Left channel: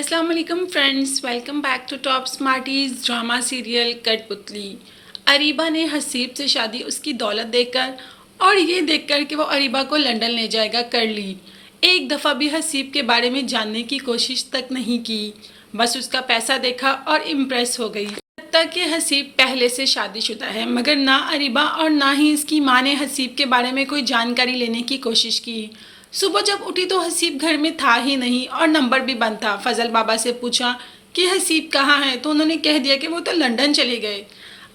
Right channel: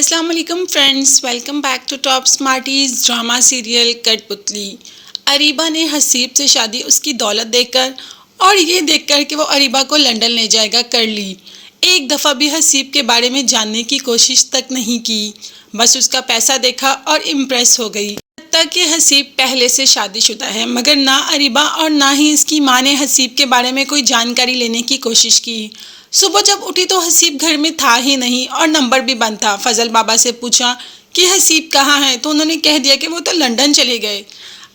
अस्सलाम वालेकुम friends, welcome back to top smarties drama serial कठपुतली। अरीबा ने हसीब से शादी उसकी दौलत देखकर और ये देखकर कि वो अरीबा को लंदन ले जाएगा कर ली। एक दफ़ा भी हसीब के बारे में जानने की कोशिश तक नहीं की, बस उसका पैसा देखा और इम्प्रेस हो गई। तक कि हसीब पहले से शादीशुदा है, मगर ना अरीबा और ना ही इसकी माँ ने हसीब के बारे में कोई जानकारी लेने की कोशिश की। सुबह जब उठी तो हसीब घर में था ही नहीं और नंबर भी बंद था। फजल बाबा से पूछा कि हसीब कहाँ है, तो उन्होंने कह दिया कि वो तो लंदन चले गए।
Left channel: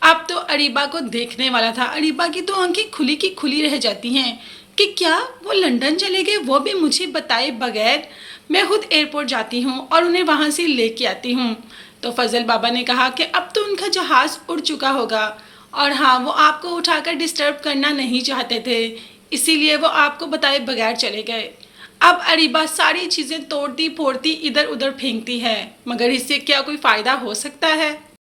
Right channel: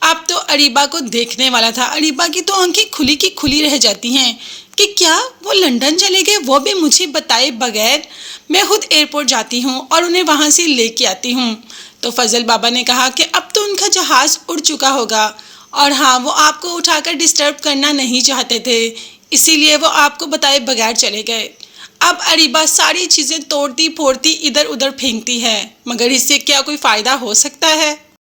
अब तो अरीबा को देखने वाला था। अरीबा की तो आंखें खुली की खुली रह जाती हैं कि क्या वो लंदन चले गए, वो भी मुझे बताए बगैर। मैं खुद एयरपोर्ट जाती हूँ और उन्हें वहाँ से लेके आती हूँ। तो फजल बाबा ने कहा कि अब तो उनका जहाज़ उड़ चुका होगा और हाँ, वो आपको उठाकर डिस्टर्ब करना नहीं चाहते थे, इसीलिए वो आपको बताए बगैर चले गए। अब अरीबा सारी चीज़ें तोड़ती फोड़ती इधर उधर फेंकती है, मगर इससे क्या कोई फ़ायदा हो सकता है।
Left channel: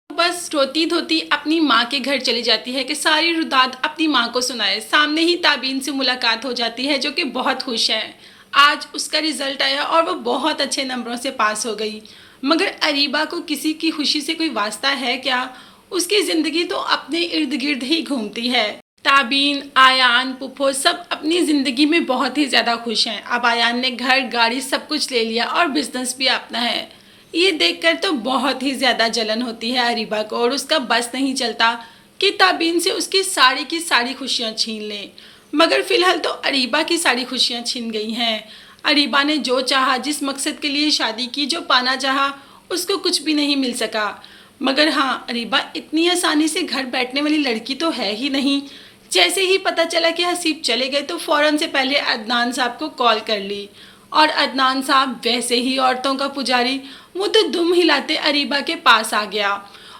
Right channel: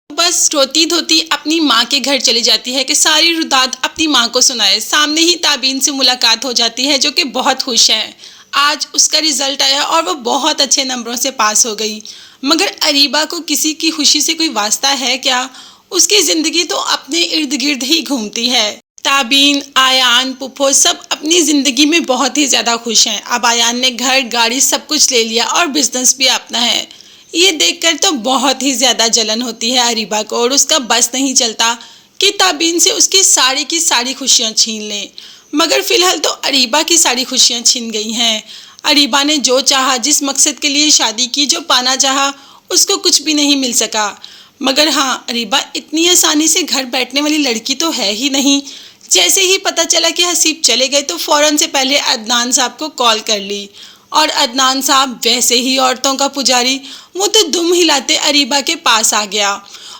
बस रोती धोती अपनी माँ के घर चली जाती है कि सारी रुदात अपनी माँ को सुनाए। सामने ही ताबीन से मुलाकात हो जाती है, जो कि बहुत खुश है। आज उसका रिजल्ट आया और वो बहुत अच्छे नंबरों से पास हो गई। मगर अरीबा को किसी की खुशी से कोई वास्ता है क्या? उसकी ज़िंदगी तो अपने इर्द गिर्द ही घूमती है। ताबीन, आयान, पुप्पो सब अपनी ज़िंदगी में बहुत ही ज़्यादा खुश हैं। अब आयान ने घर, गाड़ी सब कुछ ले लिया और बिजनेस भी अपना है। ये देखकर तो बहुत ही ज़्यादा जलन होती है अरीबा को, और उसका बस नहीं चलता कि ताबीन से उसकी सारी खुशियाँ छीन ले। मगर फिलहाल तो अरीबा की सारी खुशियाँ छीन गई हैं। अरीबा ने जो चाहा, जिस मकसद के लिए शादी की, जो पाना चाहा, उसको कुछ भी नहीं मिल सका। मगर हाँ, अरीबा इतनी आसानी से घर बैठने वाली लड़की तो है ही नहीं। जैसे ही पता चला कि हसीब चले गए तो फ़ौरन से पहले अदनान साहब को कॉल कर ली, और अदनान साहब वैसे ही औरतों का पुजारी, वो तो दुम हिलाते अरीबा के पास आ गया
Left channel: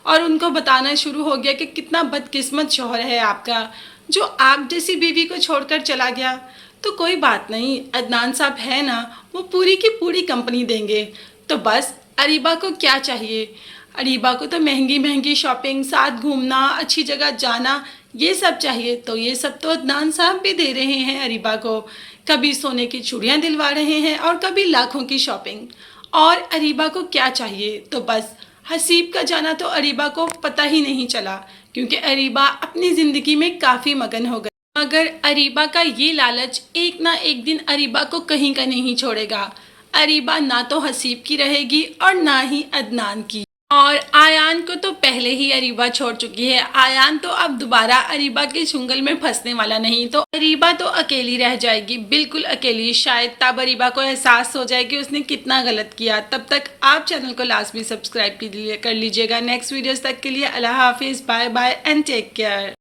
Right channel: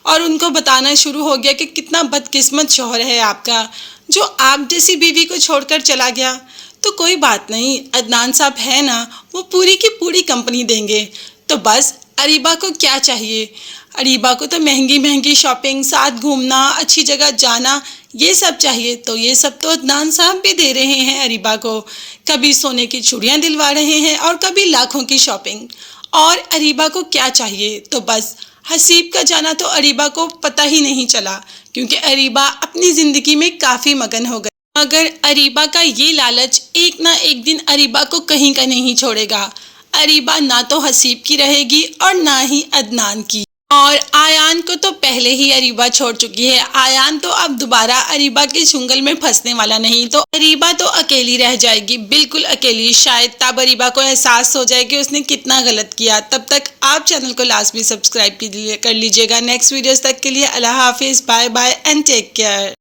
और उनको बताना शुरू हो गया कि कितना बदकिस्मत शौहर है आपका, जो आप जैसी बीवी को छोड़कर चला गया। तो कोई बात नहीं, अदनान साहब है ना, वो पूरी की पूरी कंपनी देंगे। तो बस अरीबा को क्या चाहिए? अरीबा को तो महंगी महंगी शॉपिंग, साथ घूमना, अच्छी जगह जाना, ये सब चाहिए। तो ये सब तो अदनान साहब भी दे रहे हैं अरीबा को। कभी सोने की चूड़ियाँ दिलवा रहे हैं और कभी लाखों की शॉपिंग। और अरीबा को क्या चाहिए? तो बस हसीब का जाना तो अरीबा को पता ही नहीं चला, क्योंकि अरीबा अपनी ज़िंदगी में काफ़ी मगन हो गई। मगर अरीबा का ये लालच एक ना एक दिन अरीबा को कहीं का नहीं छोड़ेगा। अरीबा ना तो हसीब की रहेगी और ना ही अदनान की। और आयान को तो पहले ही अरीबा छोड़ चुकी है। आयान तो अब दोबारा अरीबा के चुंगल में फंसने वाला नहीं। तो अरीबा तो अकेली रह जाएगी, बिल्कुल अकेली। शायद तब अरीबा को एहसास हो जाए कि उसने कितना गलत किया। तब तक आप चैनल को लाजमी सब्सक्राइब कर लीजिएगा। नेक्स्ट वीडियोस तक के लिए अल्लाह हाफिज़, bye bye and take care.